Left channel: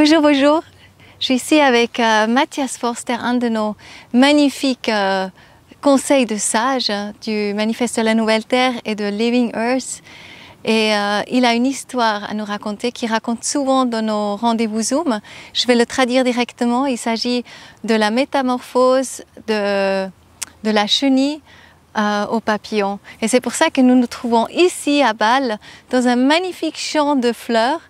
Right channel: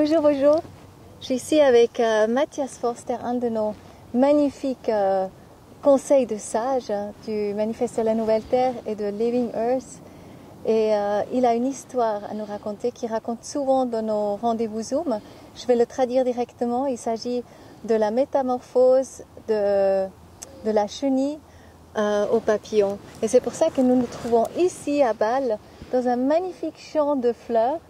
Bonjour, bonjour. Je suis ici avec Matthias Forster, un de nos magnifiques conseils de sages du Manifeste de la Nouvelle Terre et de Living Earth. Et il a une histoire à nous raconter qu'il raconte souvent dans nos rendez-vous Zoom. Je vais le traduire directement. Il s'agit de la métamorphose de la chenille au papillon. Et c'est pour ça que nous nous trouvons ici à Bâle, dans un magnifique champ de fleurs,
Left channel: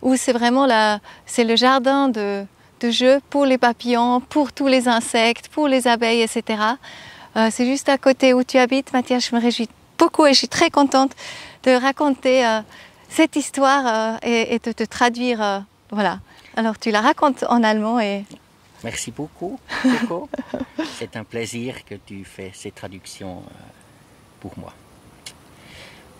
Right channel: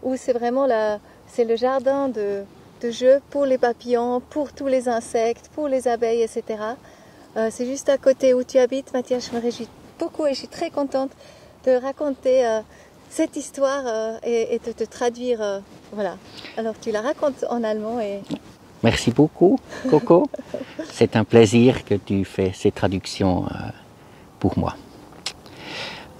où c'est vraiment le jardin de jeu pour les papillons, pour tous les insectes, pour les abeilles, etc. C'est juste à côté où tu habites, Matthias. Je me réjouis beaucoup et je suis très contente de raconter cette histoire et de te traduire. Voilà. Alors tu la racontes en allemand et... Merci beaucoup, Coco. C'est un plaisir que tu fais cette traduction pour moi.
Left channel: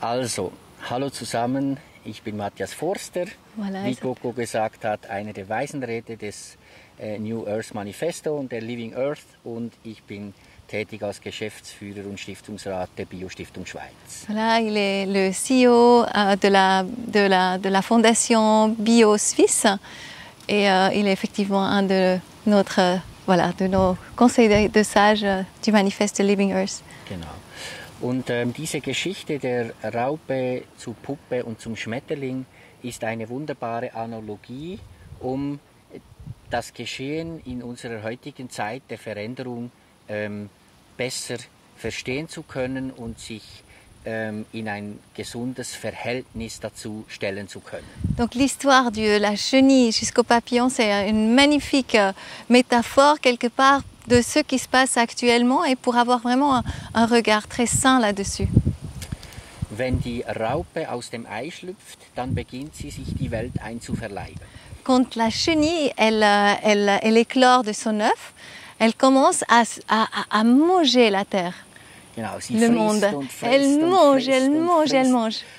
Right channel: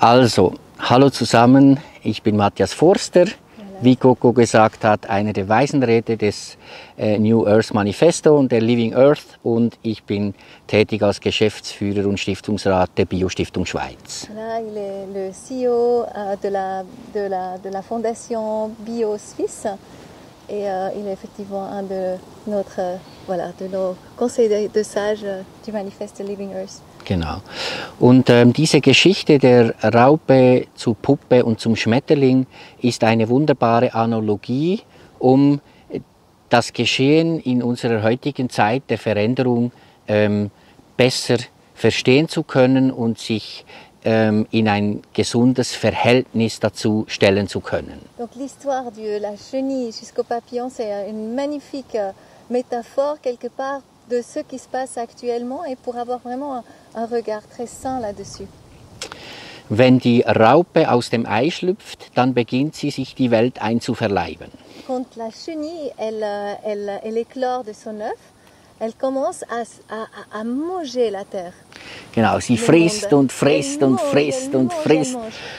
Also, hallo zusammen, ich bin Matthias Forster. Voilà. Wie Coco gesagt hat, einer der Waisenräte des New Earth Manifesto und der Living Earth, und ich bin tätig als Geschäftsführer und Stiftungsrat der Biostiftung Schweiz. Voilà, il est le CEO de la fondation Bio Suisse et il est effectivement un de nos conseils de sages du Manifeste Living Earth. Genau. Und diese Geschichte der Raupe zur Puppe und zum Schmetterling ist eine wunderbare Analogie, um das Geschehen in unserer heutigen Zeit der Veränderung besser verstehen zu können und sich in ein gesundes Verhältnis dazu stellen zu können. Donc l'histoire de la chenille jusqu'au papillon, c'est une magnifique métaphore quelque part de ce qui se passe actuellement et pour avoir vraiment un regard très sain là-dessus. Wenn die Raupe aus dem Ei schlüpft, dann beginnt sie sich die Welt einzuverleiben. Quand la chenille, elle éclore de son œuf, elle commence à manger la terre. Genau, sie frisst und frisst und frisst und frisst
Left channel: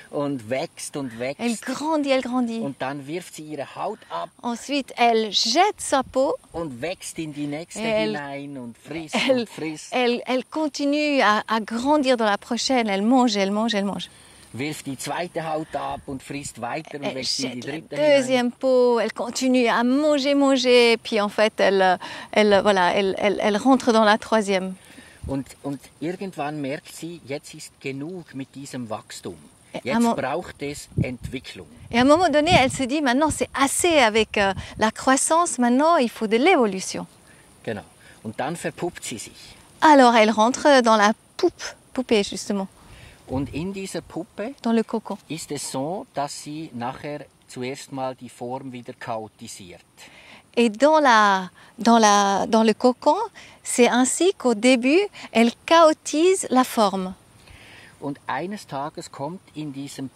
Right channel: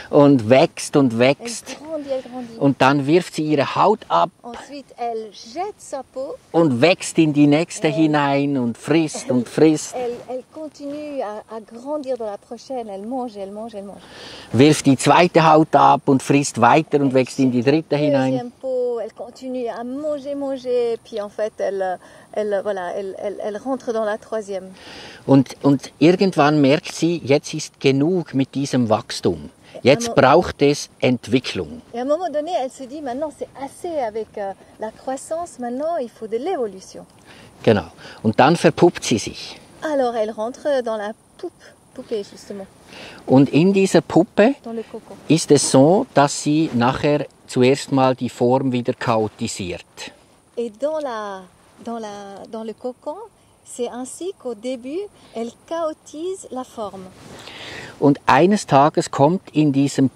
und wächst und wächst. Elle grandit. Und dann wirft sie ihre Haut ab Ensuite, elle jette sa peau. und wächst in die nächste hinein und frisst und frisst. Elle continue à grandir dans la prochaine. Elle mange. Wirft die zweite Haut ab und frisst weiter und wächst in die dritte hinein. Deuxième peau, elle continue à manger. Puis en fait, elle rentre dans la troisième. Und irgendwann merkt sie, jetzt ist genug mit diesem Wachstum. Jetzt braucht es Entwicklung. Et à un moment donné, elle se dit, maintenant c'est assez avec la croissance, maintenant il faut de l'évolution. Genau. Und dann verpuppt sie sich. Alors elle rentre dans la poupée justement. Und in dieser Puppe Dans le cocon. ist es so, dass sie nachher zuerst mal die Form wieder chaotisiert. Et dans le cocon, c'est ainsi qu'au début, elle chaotise la forme. Und eines Tages kommt in diesem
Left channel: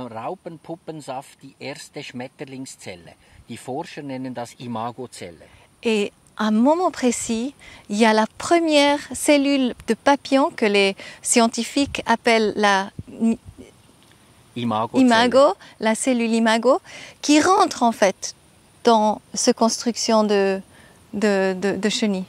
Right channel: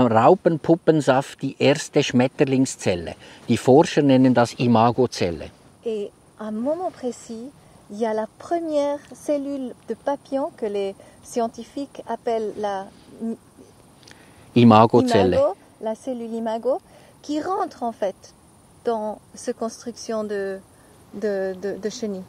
Raupenpuppensaft die erste Schmetterlingszelle. Die Forscher nennen das Imagozelle. Et à un moment précis, il y a la première cellule de papillon que les scientifiques appellent la imago, la cellule imago, qui rentre en fait dans cette construction de chenille.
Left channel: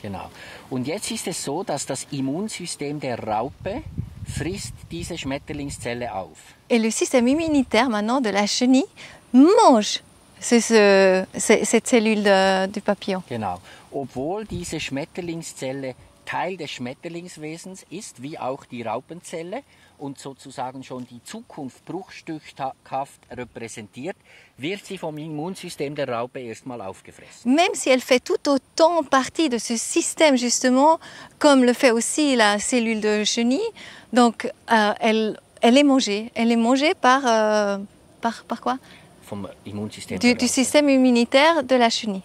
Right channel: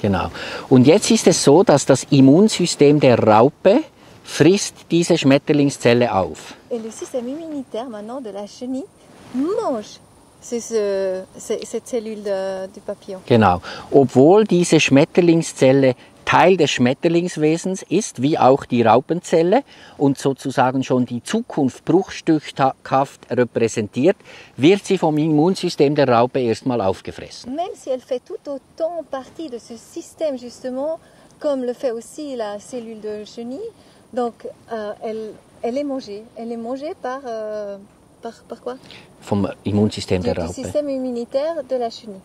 Genau. Und jetzt ist es so, dass das Immunsystem der Raupe frisst diese Schmetterlingszelle auf. Et le système immunitaire maintenant de la chenille mange cette cellule du papillon. Genau. Obwohl diese Schmetterlingszelle Teil des Schmetterlingswesens ist, wie auch die Raupenzelle, und sozusagen schon die Zukunft bruchstückhaft repräsentiert, wird sie vom Immunsystem der Raupe erstmal aufgefressen. Même si elle fait tout autant partie de ce système justement, comme le fait aussi la cellule de chenille, donc elle est mangée. Elle est mangée par quoi? Vom Immunsystem der Raupe. Du système immunitaire de la chenille.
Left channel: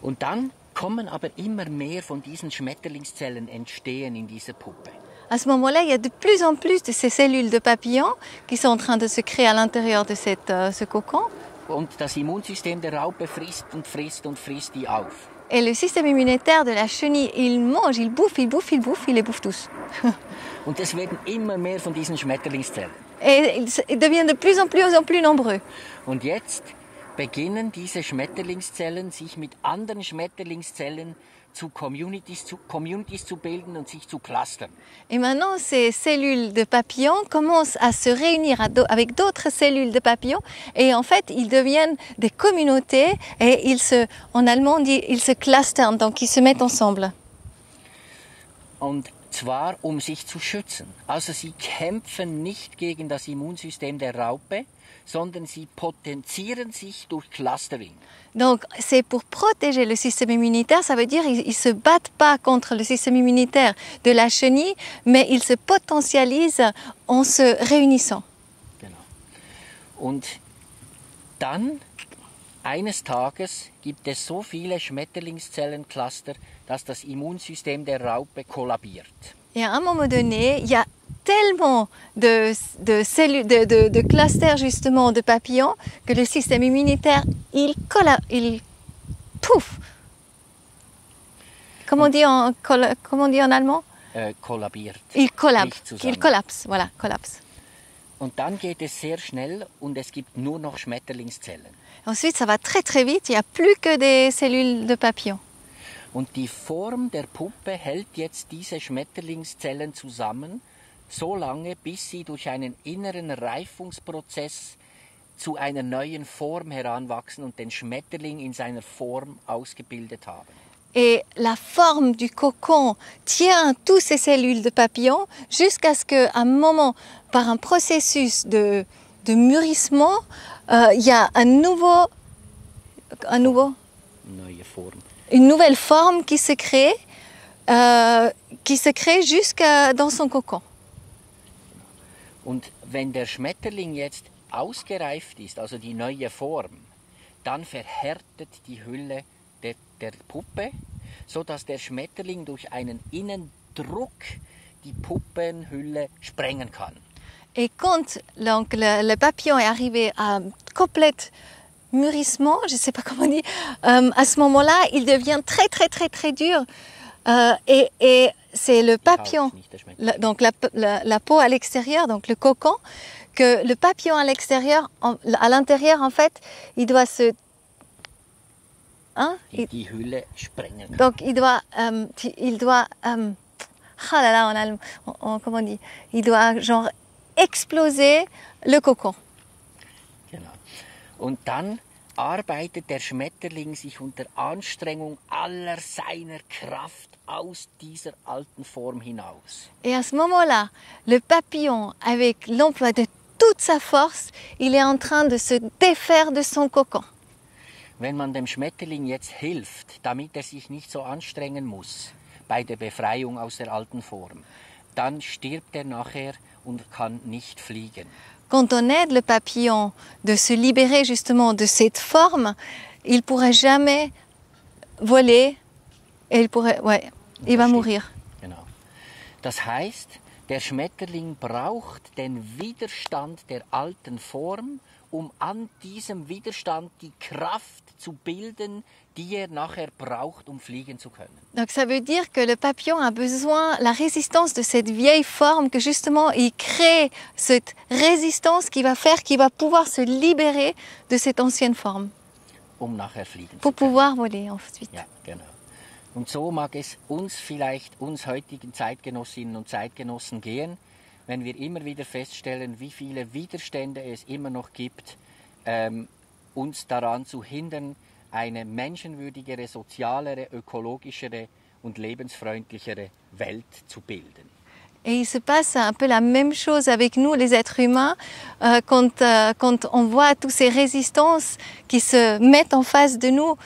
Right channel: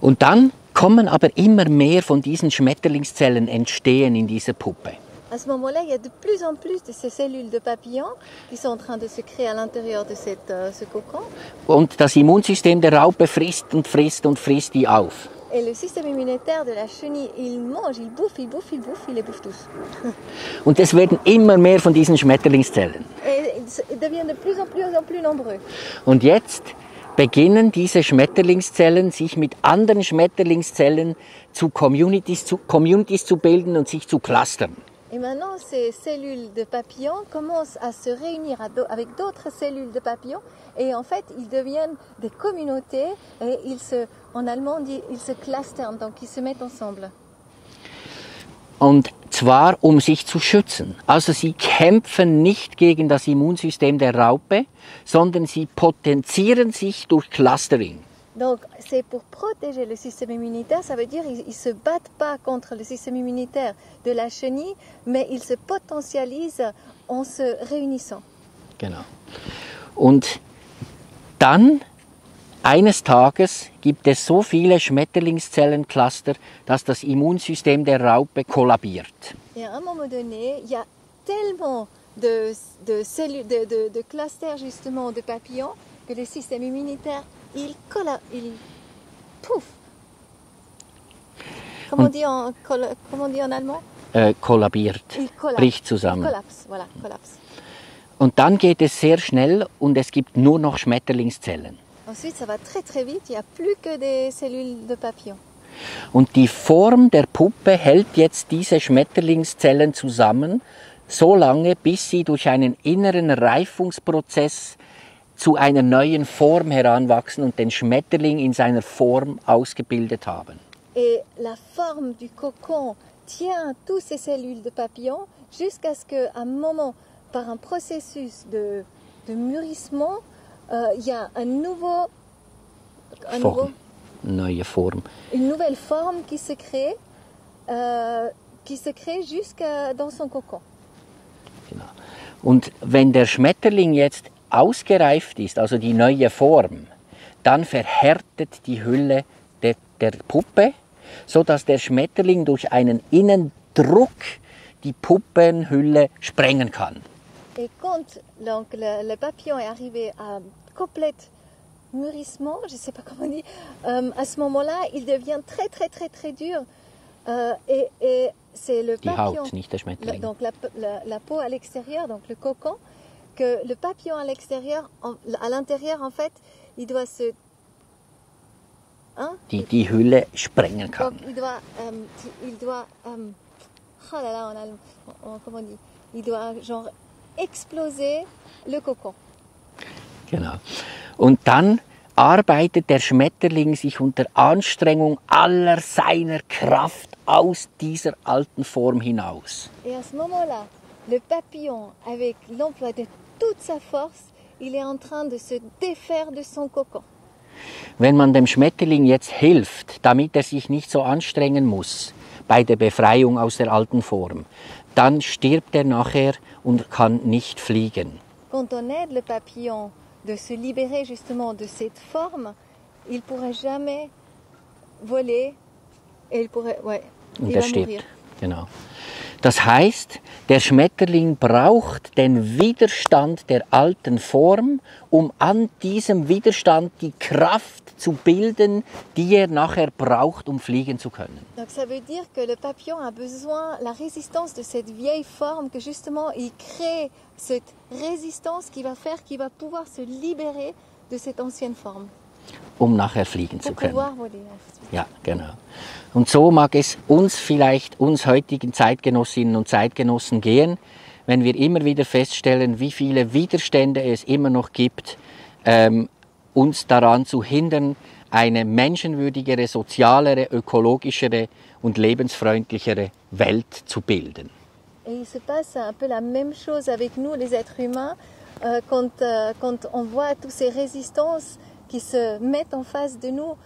Und dann kommen aber immer mehr von diesen Schmetterlingszellen entstehen in dieser Puppe. À ce moment-là, il y a de plus en plus de ces cellules de papillons qui sont en train de se créer à l'intérieur de ce cocon. Und das Immunsystem der Raupe frisst und frisst und frisst die auf. Et le système immunitaire de la chenille, il mange, il bouffe, il les bouffe tous. Und es werden immer mehr von diesen Schmetterlingszellen. Et ils deviennent de plus en plus nombreux. Und jetzt beginnen diese Schmetterlingszellen sich mit anderen Schmetterlingszellen zu Communities zu bilden und sich zu clustern. Et maintenant, ces cellules de papillons commencent à se réunir avec d'autres cellules de papillons et en fait, ils deviennent des communautés et en allemand, on dit, ils se clustern, donc ils se mettent ensemble. Und zwar, um sich zu schützen. Also sie kämpfen nicht gegen das Immunsystem der Raupe, sondern sie potenzieren sich durch Clustering. Donc, c'est pour protéger le système immunitaire, ça veut dire qu'ils ne se battent pas contre le système immunitaire de la chenille, mais ils se potentialisent en se réunissant. Genau. Und dann, eines Tages, gibt es so viele Schmetterlingszellencluster, dass das Immunsystem der Raupe kollabiert. Et à un moment donné, il y a tellement de clusters justement de papillons que le système immunitaire, il pouf. Comment on dit en allemand? Kollabiert. Il Bricht zusammen. Il collapse, voilà, collapse. Und dann geht es sehr schnell und es gibt nur noch Schmetterlingszellen. Ensuite, ça va très très vite, il n'y a plus que des cellules de papillons. Und die Form der Puppe hält jetzt diese Schmetterlingszellen zusammen, so lange, bis sie durch einen inneren Reifungsprozess zu einer neuen Form heranwachsen und den Schmetterling in seiner Form ausgebildet haben. Et la forme du cocon tient toutes ces cellules de papillons jusqu'à ce qu'à un moment, par un processus de mûrissement, il y a Neue Form. Une nouvelle forme qui se crée jusqu'à dans son cocon. Genau. Und wenn der Schmetterling jetzt ausgereift ist, also die neue Form, dann verhärtet die Hülle der Puppe, sodass der Schmetterling durch einen Innendruck die Puppenhülle sprengen kann. Et quand donc, le papillon est arrivé à complète mûrissement, je ne sais pas comment on dit, à ce moment-là, il devient très très très très dur. Et c'est le papillon, donc la peau à l'extérieur, donc le cocon, que le papillon à l'extérieur, à l'intérieur en fait, il doit se... Hein? Die Hülle sprengen kann. Donc il doit ah là là, en allemand, comment on dit? Il doit genre exploser le cocon. Genau. Und dann arbeitet der Schmetterling sich unter Anstrengung aller seiner Kraft aus dieser alten Form hinaus. Et à ce moment-là, le papillon, avec l'emploi de toute sa force, il est en train de se défaire de son cocon. Wenn man dem Schmetterling jetzt hilft, damit er sich nicht so anstrengen muss bei der Befreiung aus der alten Form, dann stirbt er nachher und kann nicht fliegen. Quand on aide le papillon de se libérer justement de cette forme, il ne pourra jamais voler et il va mourir. Genau. Das heißt, der Schmetterling braucht den Widerstand der alten Form, um an diesem Widerstand die Kraft zu bilden, die er nachher braucht, um fliegen zu können. Donc ça veut dire que le papillon a besoin la résistance de cette vieille forme, que justement il crée cette résistance qui va faire qu'il va pouvoir se libérer de cette ancienne forme. Um nachher fliegen zu können. Pour pouvoir voler ensuite. Ja, genau. Und so mag es uns heutigen Zeitgenossinnen und Zeitgenossen gehen, wenn wir immer wieder feststellen, wie viele Widerstände es immer noch gibt, uns daran zu hindern, eine menschenwürdigere, sozialere, ökologischere und lebensfreundlichere Welt zu bilden. Et il se passe un peu la même chose avec nous, les êtres humains, quand on voit toutes ces résistances qui se mettent en face de nous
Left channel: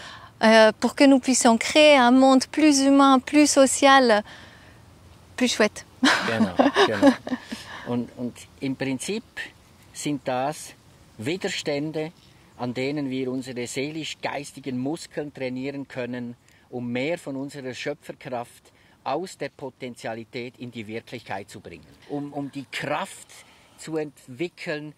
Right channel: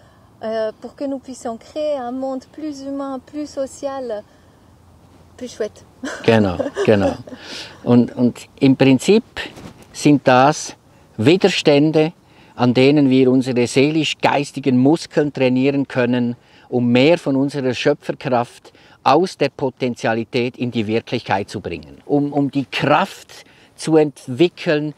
pour que nous puissions créer un monde plus humain, plus social, plus chouette. Genau, genau. Und im Prinzip sind das Widerstände, an denen wir unsere seelisch-geistigen Muskeln trainieren können, um mehr von unserer Schöpferkraft aus der Potentialität in die Wirklichkeit zu bringen. Um die Kraft zu entwickeln,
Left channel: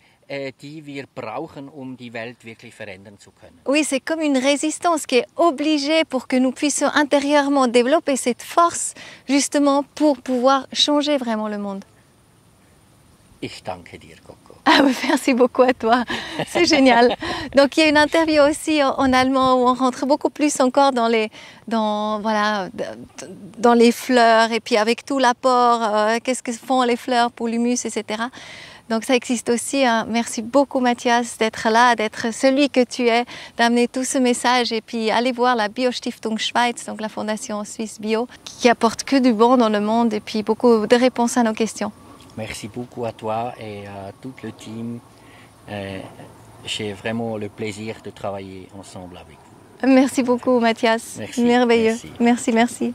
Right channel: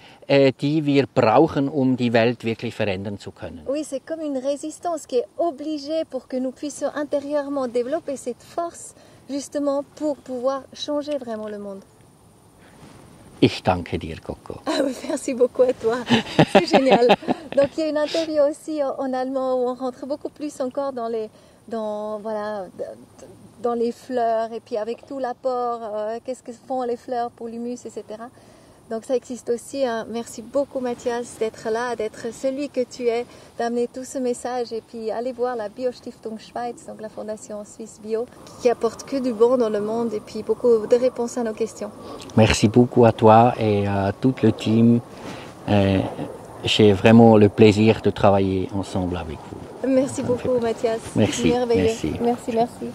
die wir brauchen, um die Welt wirklich verändern zu können. Oui, c'est comme une résistance qui est obligée pour que nous puissions intérieurement développer cette force, justement pour pouvoir changer vraiment le monde. Ich danke dir, Coco. Ah oui, merci beaucoup à toi, c'est génial. Donc il y a une interview aussi en allemand où on rentre beaucoup plus encore dans les fleurs et puis avec tout l'apport, qu'est-ce que font les fleurs pour l'humus, etc. Donc ça existe aussi. Hein. Merci beaucoup Mathias d'être là, d'être celui que tu es, d'amener tout ce message et puis aller voir la Biostiftung Schweiz, donc la Fondation Suisse Bio, qui apporte que du bon dans le monde et puis beaucoup de réponses à nos questions. Merci beaucoup à toi et à tout le team. J'ai vraiment le plaisir de travailler ensemble avec vous. Merci beaucoup Mathias. Merci. Merveilleux. Merci. Merci, merci.